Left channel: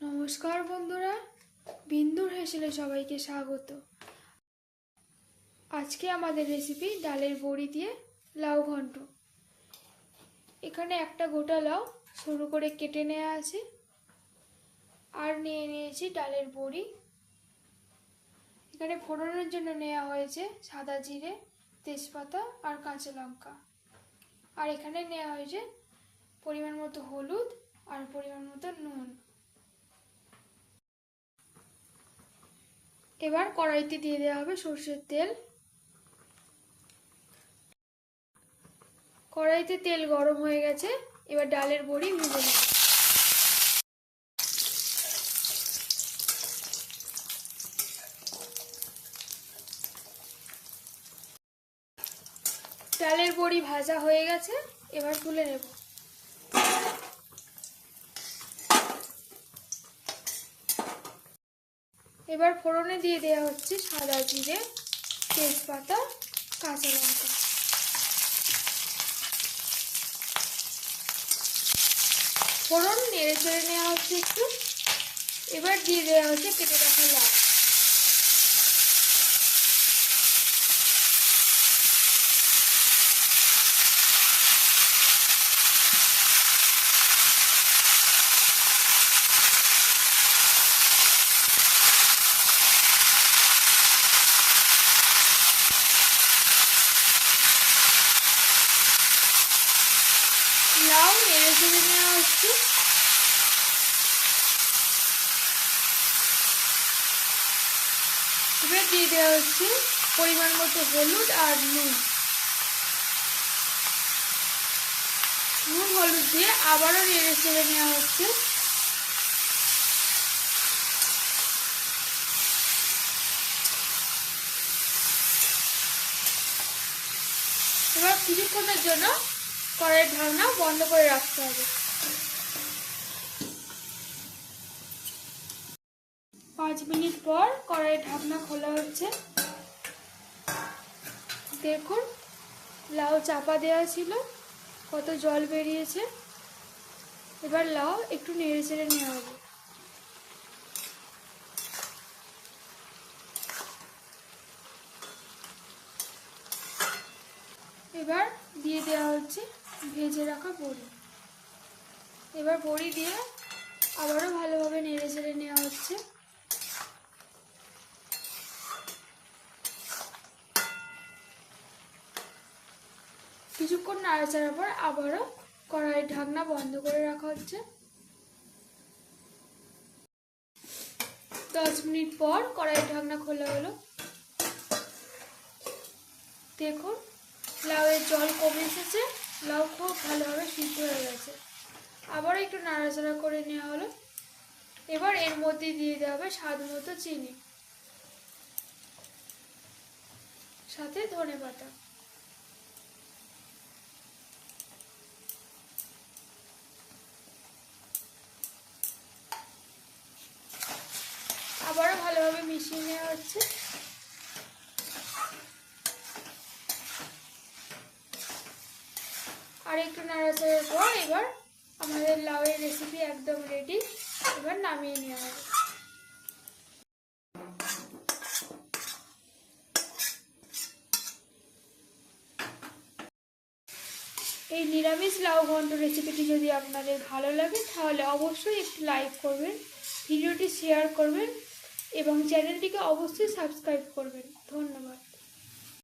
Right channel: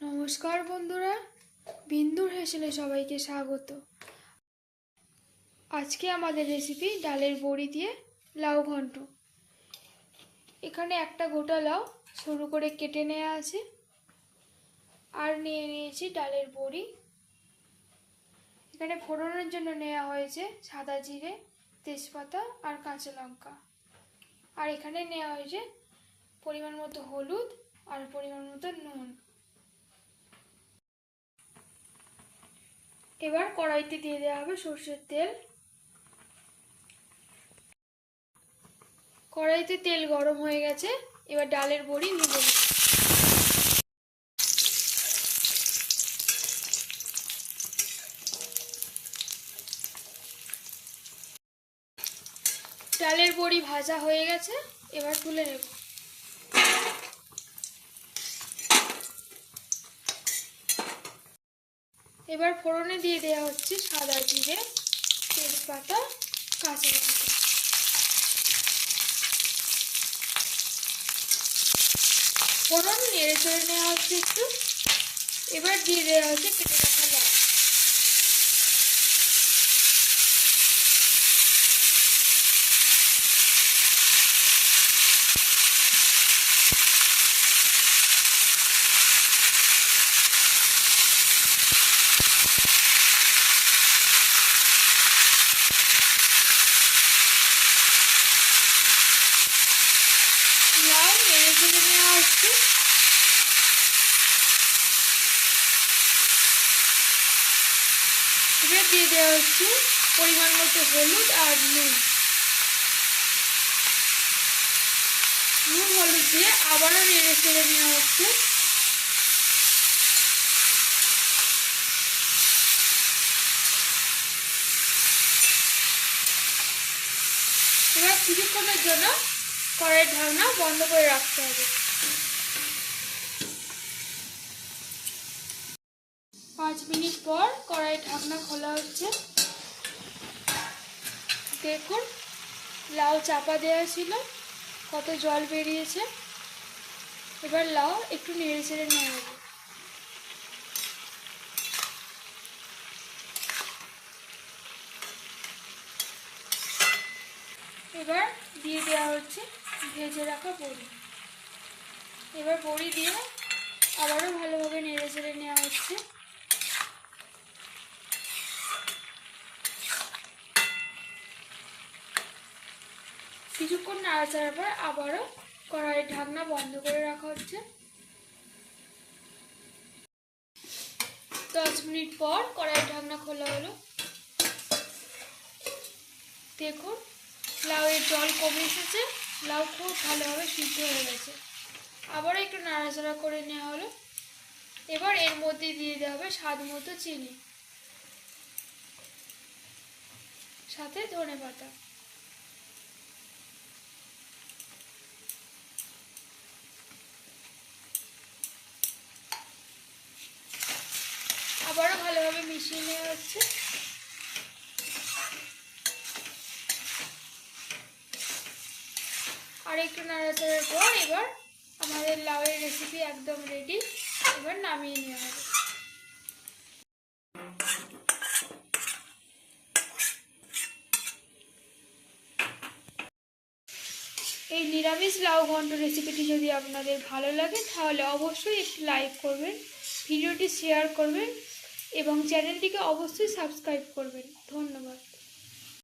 নমস্কার বন্ধুরা, বিন্দুর হেসেলে সবাইকে স্বাগত। আজকে আমাদের রেসিপি ডালের বড়ি দিয়ে লাউ ঘন্ট। এখানে একটা গোটা লাউ সরু করে কেটে নেওয়া আছে, আর নিয়ে নিয়েছি ডালের বড়ি। এখানে ফোড়নের জন্য নেওয়া হয়েছে সাদা জিরে, তেজপাতা আর কাঁচা লঙ্কা। আর এখানে নেওয়া হয়েছে পরিমাণ মতো হলুদ আর পরিমাণ মতো নুন। এবার কড়াইতে দিয়ে দেওয়া হবে সরষের তেল। কড়াইতে তেল গরম হয়ে গেছে, এবার ডালের বড়ি ভেজে নেব। ডালের বড়ি ভাজা হয়ে গেছে, এবার তুলে নেব। এবার ফোড়নে দিয়ে দেওয়া হচ্ছে সাদা জিরে, তেজপাতা, কাঁচা লঙ্কা। ফোড়ন নেড়ে চেড়ে নেওয়া হচ্ছে একটু। এবার দিয়ে দেওয়া হচ্ছে কেটে রাখা লাউ। লাউ নেড়ে চেড়ে নেওয়া হচ্ছে। এবার দিয়ে দেওয়া হচ্ছে পরিমাণ মতো হলুদ আর নুন। নুন হলুদ দিয়ে আবারও নেড়ে চেড়ে নেওয়া হচ্ছে। এবার কিছুক্ষণের জন্য কড়াইয়ের ঢাকনা বন্ধ করে রাখতে হবে। 5 মিনিট পর কড়াইয়ের ঢাকনা খোলা হচ্ছে। দেখুন, লাউ চাপা দেওয়া ছিল, কত জল বেরিয়েছে। এবার লাউ একটু নেড়ে চেড়ে নেওয়া হবে। এবার দিয়ে দেওয়া হচ্ছে ভেজে রাখা বড়ি। এবার বড়ি দিয়ে আবারও ভালোভাবে নেড়ে চেড়ে নেওয়া হচ্ছে। কিছুক্ষণ নাড়াচাড়ার পর আবারও কড়াইয়ের ঢাকনা বন্ধ করে রাখা হচ্ছে। 10 মিনিট পর কড়াইয়ের ঢাকনা খোলা হলো। দেখুন, লাউয়ের জল কমে এসেছে, লাউ খুব ভালোভাবে সিদ্ধ হয়ে গেছে। আবারও একটু নাড়াচাড়া করে নেওয়া হলো। এবার এর মধ্যে দিয়ে দেওয়া হবে স্বাদ মতো চিনি, সাথে ধনেপাতা। আবারও ভালোভাবে মিশিয়ে নেওয়া হচ্ছে। আর একটু নাড়াচাড়ার পর এবার আমাদের লাউয়ের রেসিপি একদম রেডি। এবার নামিয়ে নেওয়া হবে। এই নিরামিষ লাউ ঘন্ট রেসিপিটি যদি আপনাদের ভালো লাগে তাহলে অবশ্যই একটি লাইক করবেন, ভিডিওটি শেয়ার করবেন এবং চ্যানেলটিকে অবশ্যই সাবস্ক্রাইব করবেন। ধন্যবাদ।